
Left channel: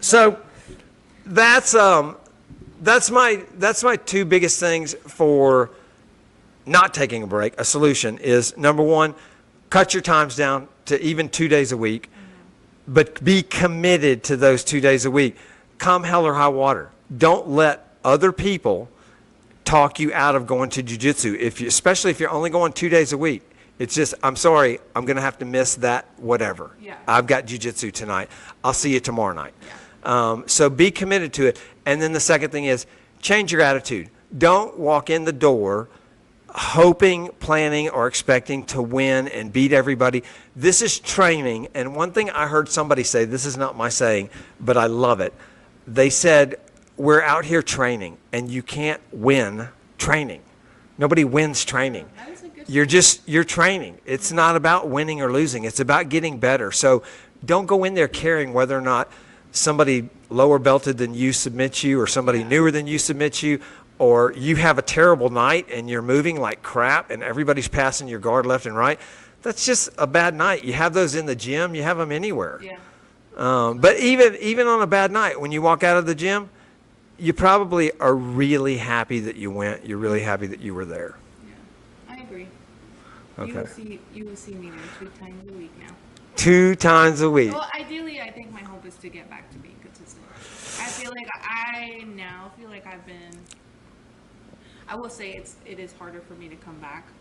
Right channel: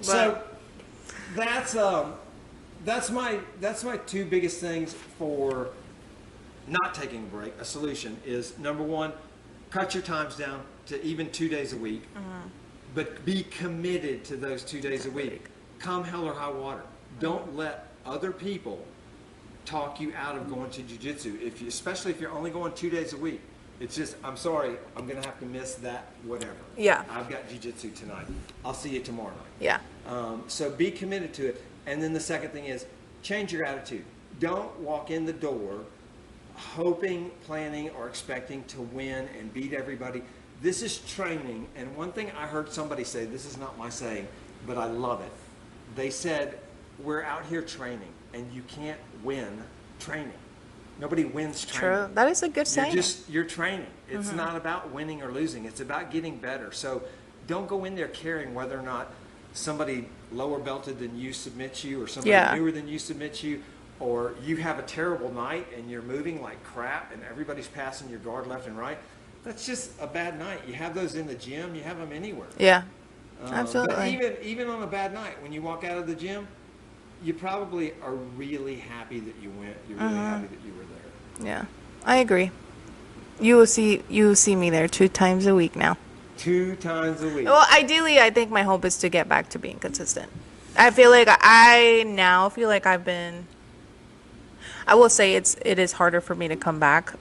So that's my 2 biggest things for not taking a break. A solution is, number 1, cut your times down to even 2 days a week, but be committed to those 2 days a week. Come hell or high water. Don't let other people talk you out of going to jiu-jitsu, especially if you're only going 2 days a week. It's just, I'm sorry, I'm going to have to miss that whatever. Yeah. I've got jiu-jitsu tonight. I'll see you tomorrow night. Yeah. So be committed to it. And then the second thing is, change your attitude. Don't walk in the door hoping, planning, or expecting to win and beat everybody. This is training. And one thing I heard somebody say, this is not my saying, but I love it. They said, we're out here training, and you can't win training. Nobody wins training. True. That is a good saying. You're training. It's not about winning or losing. It's about getting better. So don't go in there caring whether or not somebody lower belted than you submits you, or somebody Yeah. newer than you submits you, or you have a terrible night and you're moving like crap and everybody's passing your guard left and right. That's just a bad night. You have those in the gym. You have them anywhere. Yeah. But Absolutely. even on a bad night, when you walk out of the gym, you probably are really happy that you went. You're really happy that you were there. Yeah. I agree. You will see me there 2 times a week now. 2 times a week. Well, ideally, I think my hope is to get back to being consistent. I feel like I now feel like I've been I will say it is harder for me to come back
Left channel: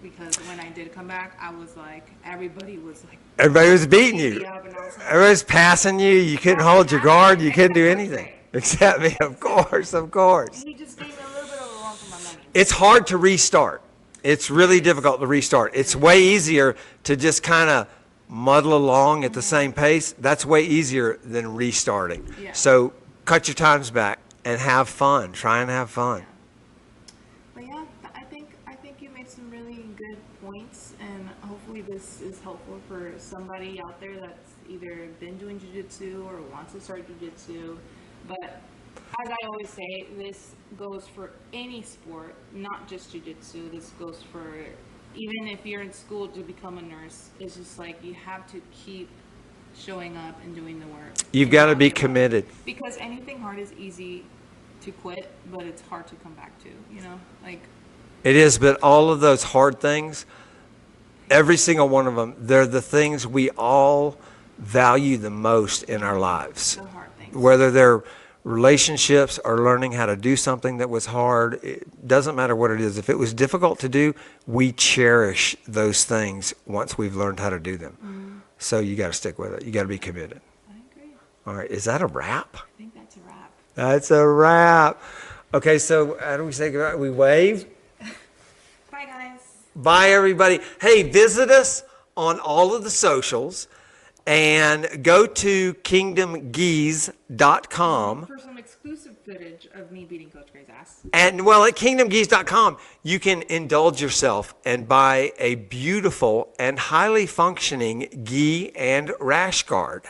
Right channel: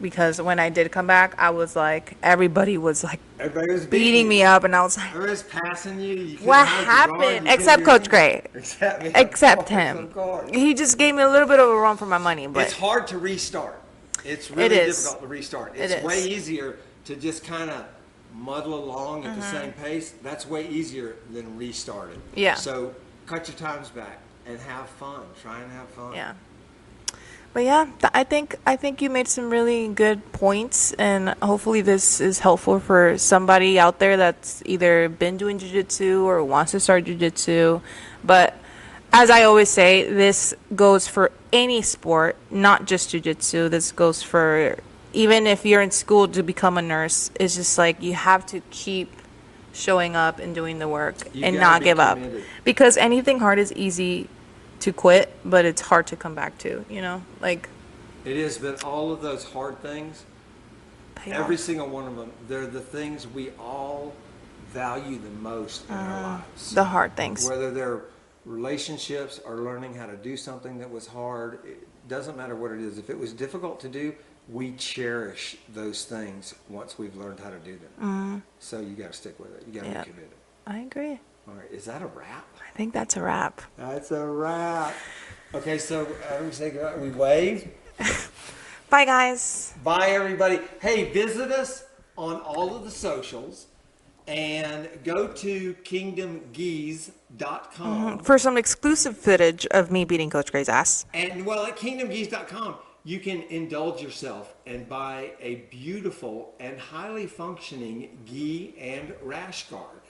because when I did come back, I was like, everybody was beating beating me up, and I was like, Everybody was passing you. You couldn't what hold your guard. happened? You couldn't Except do Coach anything. Gray. Except me. Except of course, him. Of course. He just gave me a little bit of a run for my money. But It's hard to restart. It's really is. difficult to restart. It's is. way easier to just kind of muddle along at the Mm-hmm. same pace. That's way easier than restarting. Yeah. So cut your times back and have fun. Try and have fun. Yeah. But yeah, I think you made some really good points, and hopefully this is helpful for somebody out there that's either been doing jiu-jitsu or wants to start jiu-jitsu. But as I always say, this goes for any sport, not just jiu-jitsu. This goes for even if you're in school to become a nurse. It's just like you have to keep showing up and doing the work. You've and gotta not be give up. committed. Because anything hard is easy to quit, but it's hard to come back to, like It is, but all of those hard things, pay every off. single one of them, they're the things we all value the most in our lives. The hard things. Whether they're relationships or learning how to do something that was hard, it doesn't matter what it is. If it was difficult to do, we cherish those things once we've learned how to do them. So you got to stick with it. You got to Yeah. be committed. I agree. All right, is that a wrap? I think that's a wrap. That's a wrap. Okay, so how do we say goodbye? We wave. Bye, guys. Bye, everybody. Hey, visit us on all of the socials and go to kingdomgeese.com. For some exclusive footage of me beating Coach Gray's ass. And well, at kingdomgeese.com, you can indulge yourself and buy a beautiful and highly functioning gi and rash guard.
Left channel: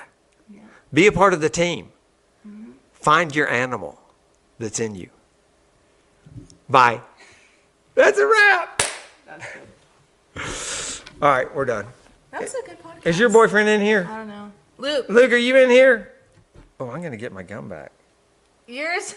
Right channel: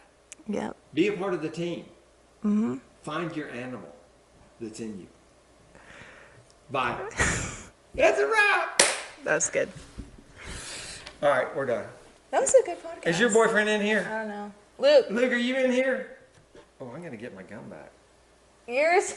Yeah. Be a part of the team. Find your animal that's in you. Bye. That's a wrap. That's good. All right, we're done. That was a good podcast. Is your boyfriend in here? I don't know. Luke, Luke, are you in here? Oh, I'm going to get my gum back. yours?